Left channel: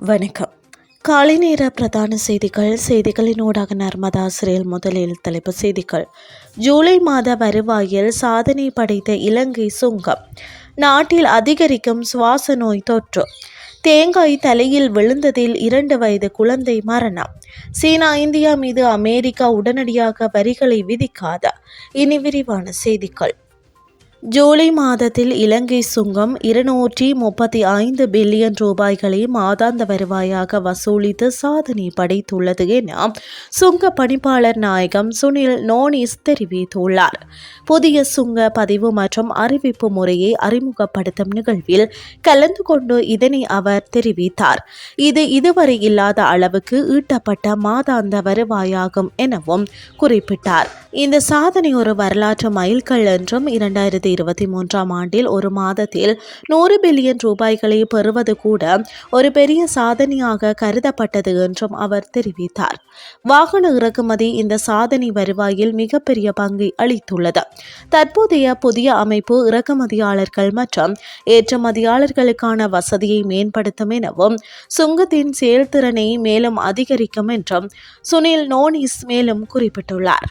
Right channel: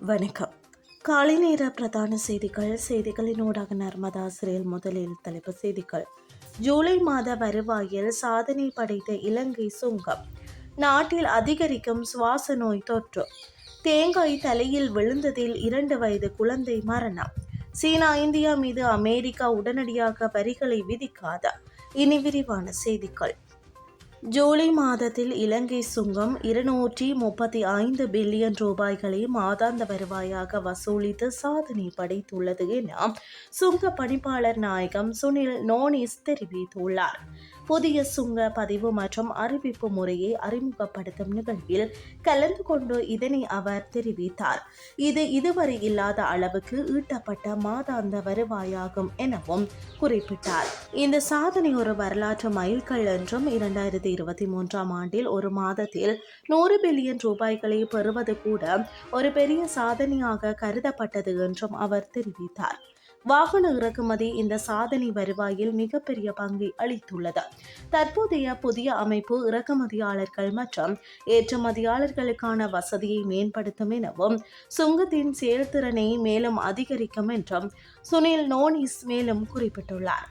வணக்கம். காலை நேர பிரதான செய்திகள். செய்திகளின் ஊடாக நர்மதா சிறையில் முதலில் தலைப்பு செய்திகள். ஜூலை மாத வருவாயில் சாதனை படைத்த இலங்கை சுங்கம். நாட்டில் அதிகரிக்கும் சுவாச நோய் தொற்று. தேங்காய் தலையில் விழுந்ததில் இரண்டு வயது குழந்தை மரணம். சீனா இந்தியா மீது அமெரிக்கா உடனடியாக வரிகளை விதிக்காத. இனி விரிவான செய்திகள். ஜூலை மாதத்தில் இலங்கை சுங்கம் இருநூற்றி முப்பத்தி ஐந்து பில்லியன் ரூபாய்களை மாதாந்த வருவாயாக வசூலித்து சாதனை படைத்துள்ளது என சுங்க பணிப்பாளர் நாயகம் சுனில் நோனிஸ் தெரிவித்துள்ளார். புதிய சுங்க பதிவு மற்றும் அறிவிப்பு முறையை அறிமுகப்படுத்தும் நிகழ்வில் கலந்து கொண்டு இதனை அவர் தெரிவித்தார். இது இதுவரை இல்லாத அளவுக்கு ஈட்டப்பட்ட மாதாந்த வருவாயாகும் எனவும் குறிப்பிட்டார். இந்த சாதனை ஒரு வரலாற்று மைல்கல் என்றும் இரண்டாயிரத்தி இருபத்தி மூன்றாம் ஆண்டில் ஒரு மாதத்தில் நூறு பில்லியன் ரூபாய்களை பெறுவது கூட ஒரு பெரிய சாதனையாக கருதப்பட்டது என்றும் அவர் தெரிவித்தார். வாகன இறக்குமதி இந்த சாதனை வருவாயில் மிகப்பெரிய பங்கை அளித்துள்ளது. தற்போதைய புதிய அமைப்பு இறக்குமதியாளர்கள் மற்றும் ஏற்றுமதியாளர்களுக்கான வசதியை மேம்படுத்தும் எனவும் சுங்கத்தின் செயல்திறனை மேலும் அதிகரிக்கும் என்றும் சுனில் நோனிஸ் மேலும் குறிப்பிட்டுள்ளார்.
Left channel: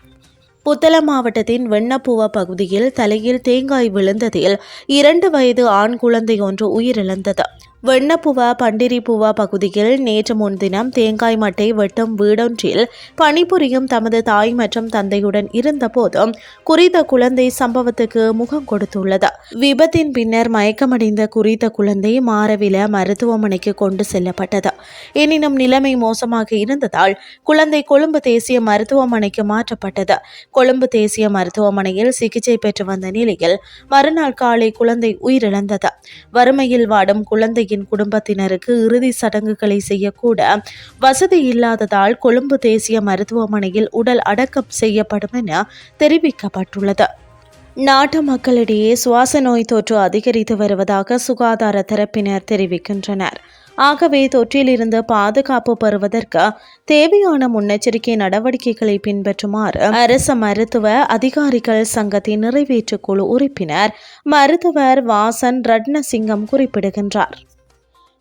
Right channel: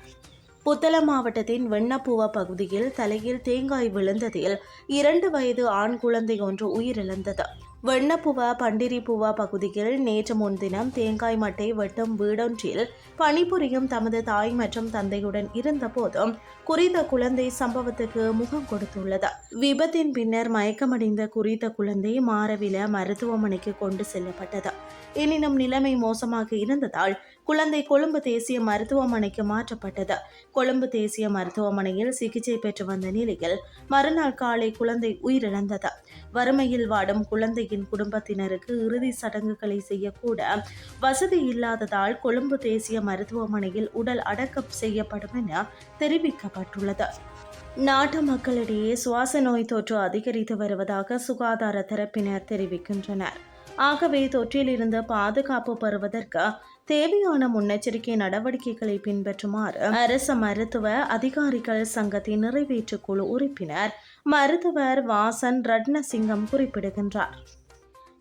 புத்தள மாவட்டத்தின் வெண்ணப்பூவா பகுதியில் தலையில் தேங்காய் விழுந்ததில் இரண்டு வயது ஆண் குழந்தை ஒன்று உயிரிழந்தது. வெண்ணப்புவா பண்டிரிப்புவா பகுதியில் நேற்று முன்தினம் தேங்காய் மட்டை வெட்டும் வீடொன்றில் பணிபுரியும் தமது தாய் மற்றும் தந்தையுடன் இருந்தபோதும் குறித்த குழந்தை சம்பவத்துக்கு முகம் கொடுத்துள்ளது. விபத்தின் பின்னர் மயக்கமடைந்த குறித்த குழந்தை மாரவில மருத்துவமனைக்கு கொண்டு செல்லப்பட்டது. எனினும் நிலைமை மோசமாக இருந்ததால் குழந்தை கொழும்பு தேசிய மருத்துவமனைக்கு மாற்றப்பட்டது. கொழும்பு தேசிய மருத்துவமனையில் சிகிச்சை பெற்று வந்த நிலையில் மறுநாள் காலை குழந்தை உயிரிழந்தது. வறுமையில் வாடும் குழந்தையின் குழந்தையின் குடும்பத்தினருக்கு இறுதி சடங்குகளை செய்யக்கூட வசதி இல்லாததால் கொழும்பு தேசிய மருத்துவமனையில் உடல் அடக்கம் செய்யப்படும் என தெரிவிக்கப்பட்டுள்ளது. நாட்டு மக்களிடையே சுவாச நோய் தொற்று அதிகரித்து வருவதாக சுகாதார தரப்பினர் தெரிவிக்கின்றனர். ஆகவே தொற்றிலிருந்து பாதுகாப்பு பெறுவதற்கு தேவையான முன்னெச்சரிக்கை நடவடிக்கைகளை பின்பற்றுமாறு அரசு மருத்துவ அதிகாரிகள் சங்கத்தின் நிறைவேற்று குழு உறுப்பினர் மருத்துவர் வாசன் ரட்னசிங்கம் குறிப்பிடுகின்றார்.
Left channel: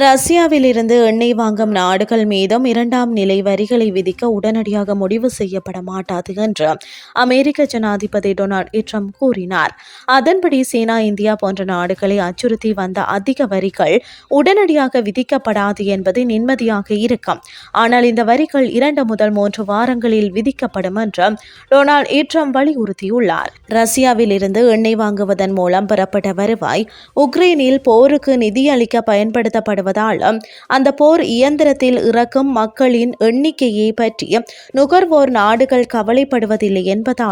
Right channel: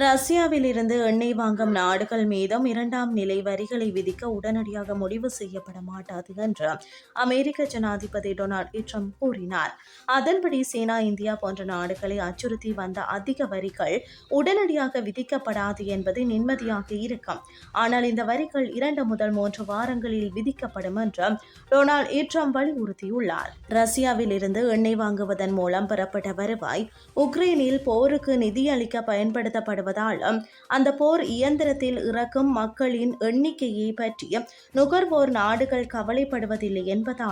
ரஷ்யாவில் இருந்து எண்ணெய் வாங்கும் நாடுகள் மீதும் இரண்டாம் நிலை வரிகளை விதிக்க உடனடியாக முடிவு செய்யப்பட மாட்டாது என்று அமெரிக்க ஜனாதிபதி டொனால்ட் ட்ரம்ப் கூறினார். அதன்படி சீனா இந்தியா போன்ற நாடுகளை அச்சுறுத்தி வந்த அதிக வரிகள் உடனடியாக விதிக்கப்படாது என்பது நிம்மதியாக இருக்கும். ஆனால் இந்த வரிகள் இரண்டு முதல் மூன்று வாரங்களில் விதிக்கப்படும் என்று டொனால்ட் ட்ரம்ப் வலியுறுத்தியுள்ளார். ரஷ்யாவில் இருந்து எண்ணெய் வாங்குவதன் மூலம் பெறப்பட்ட வருவாய் உக்ரைனில் போருக்கு நிதியளிக்க பயன்படுத்தப்படும் வருவதாலும் அந்த போர் இயந்திரத்தில் இறக்கும் மக்களின் எண்ணிக்கையை பற்றி நுகர்வோர் நாடுகள் கவலைப்படுவதில்லை என்பதால்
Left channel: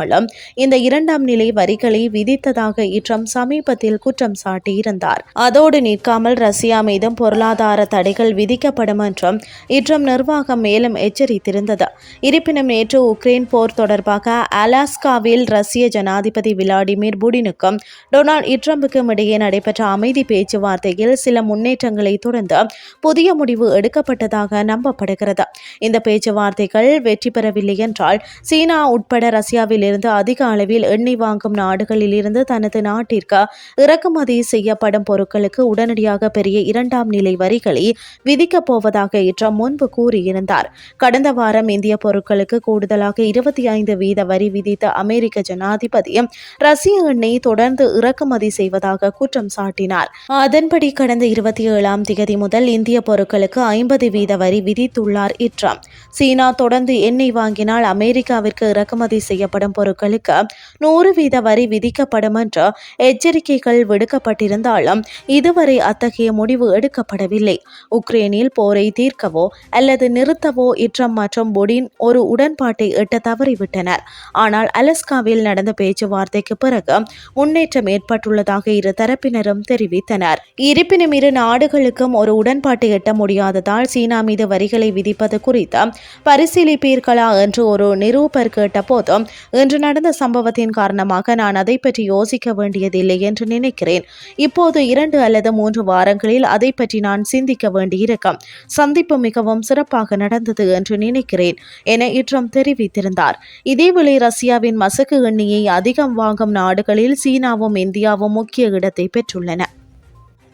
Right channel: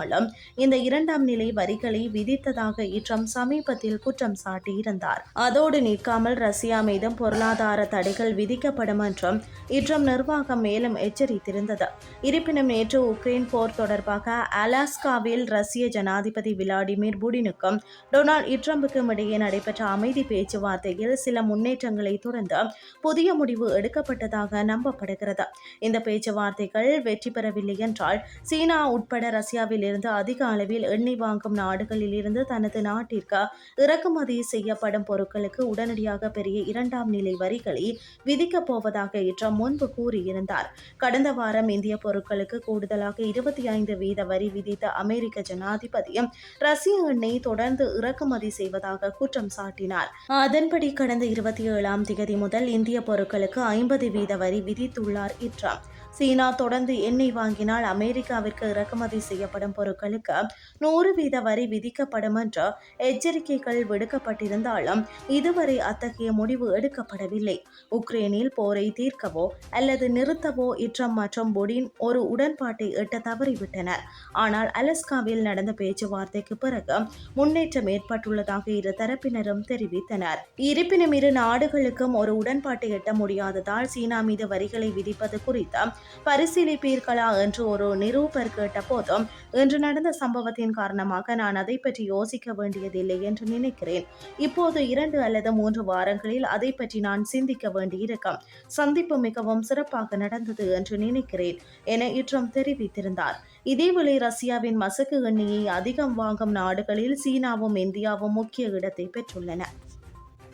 இந்த இரண்டாம் நிலை வரிகளை விதித்ததாக இற்றம் சமீபத்தில் குற்றம் சாட்டியிருந்தார். அதோடு நிற்காமல் ரஷ்யா மீதும் பொருளாதார தடைகள் விதிக்கப்படும் என்றும் இற்றம் நிர்வாகம் மேலும் எச்சரித்திருந்தது. இருப்பினும் நேற்று உக்ரைன் போர் தொடர்பாக அலாஸ்காவில் ரஷ்ய ஜனாதிபதி விளாடிமிர் புடினுக்கும் டொனால்ட் இட்ரம்புக்கும் இடையே நடைபெற்ற அமைதி பேச்சுவார்த்தையில் சில முன்னேற்றங்களை தொடர்ந்து தொடர்ந்து புதிய முடிவு எடுக்கப்பட்டதாக நம்பப்படுகிறது. இந்த பேச்சுவார்த்தைகள் வெற்றி பெறவில்லை என்றால் சீனா உட்பட ரஷ்யாவில் இருந்து அதிக அளவில் எண்ணெய் வாங்கும் நாடுகளில் இருந்து தனது நாட்டிற்கு இறக்குமதி செய்யப்படும் பொருட்களுக்கு உடனடியாக பெரிய இரண்டாம் நிலை வரிகளை விதிக்கப் போவதாக இற்றம் முன்பு கூறியிருந்தார். கடந்த வாரம் இந்திய பொருட்களுக்கு கூடுதலாக இருபத்தி ஐந்து வீத வரி விதித்த அமெரிக்க ஜனாதிபதி ரஷ்ய எண்ணெய் தொடர்ந்து இறக்குமதி செய்வதாக குற்றம் சாட்டினார். அதன்படி கடந்த இருபத்தி ஏழாம் தேதி தேதி முதல் இந்திய பொருட்களுக்கு ஐம்பது வீத வரி விதித்துள்ளார் இட்ரம் சீனா தொடர்ந்து எண்ணெய் வாங்கினால் அமெரிக்காவிற்கு இறக்குமதி செய்யப்படும் பொருட்களுக்கு நூறு வீத வரி விதிக்கப்படும் என்று எச்சரிக்கைகள் விடுக்கப்பட்டிருந்தாலும் இதுவரை அத்தகைய முடிவு எடுக்கப்படவில்லை. உக்ரைனில் போரை தீர்க்கவோ அல்லது நிறுத்தவோ இட்ரம் மற்றும் புடின் ஒரு உடன்பாட்டை எட்ட தவறிவிட்டனர். ஆனால் அலஸ்காவில் நடந்த பேச்சுவார்த்தைக்கு பிறகு முன்னேற்றம் ஏற்பட்டுள்ளதாக இரு தரப்பினரும் தெரிவித்தனர். இருப்பினும் இரு நாடுகளுக்கும் ஒரு உடன்பாட்டை எட்ட முடியாததால் சீனா மீது வரிகளை விதிப்பது குறித்து பரிசீலிப்பீர்களா என்று ஒரு நிரூபர் கேட்டபோதும் இன்று நடந்த சம்பவத்தின் காரணமாக நான் அதை பற்றி யோசிக்க வேண்டியதில்லை என்று நினைக்கிறேன். இப்போது இரண்டு அல்லது மூன்று வாரங்களில் அதை பற்றி நான் சிந்திக்க வேண்டியிருக்கும். சந்திப்பு மிகவும் சிறப்பாக நடந்தது என்று நினைக்கிறேன் என இற்றம் தெரிவித்திருந்தார். இதேவேளை ரஷ்யாவின் மசக்கு எண்ணெயை அதிகம் வாங்கும் நாடுகளில் சீனாவும் இந்தியாவும் முக்கிய இடத்தை பெற்றுள்ளன.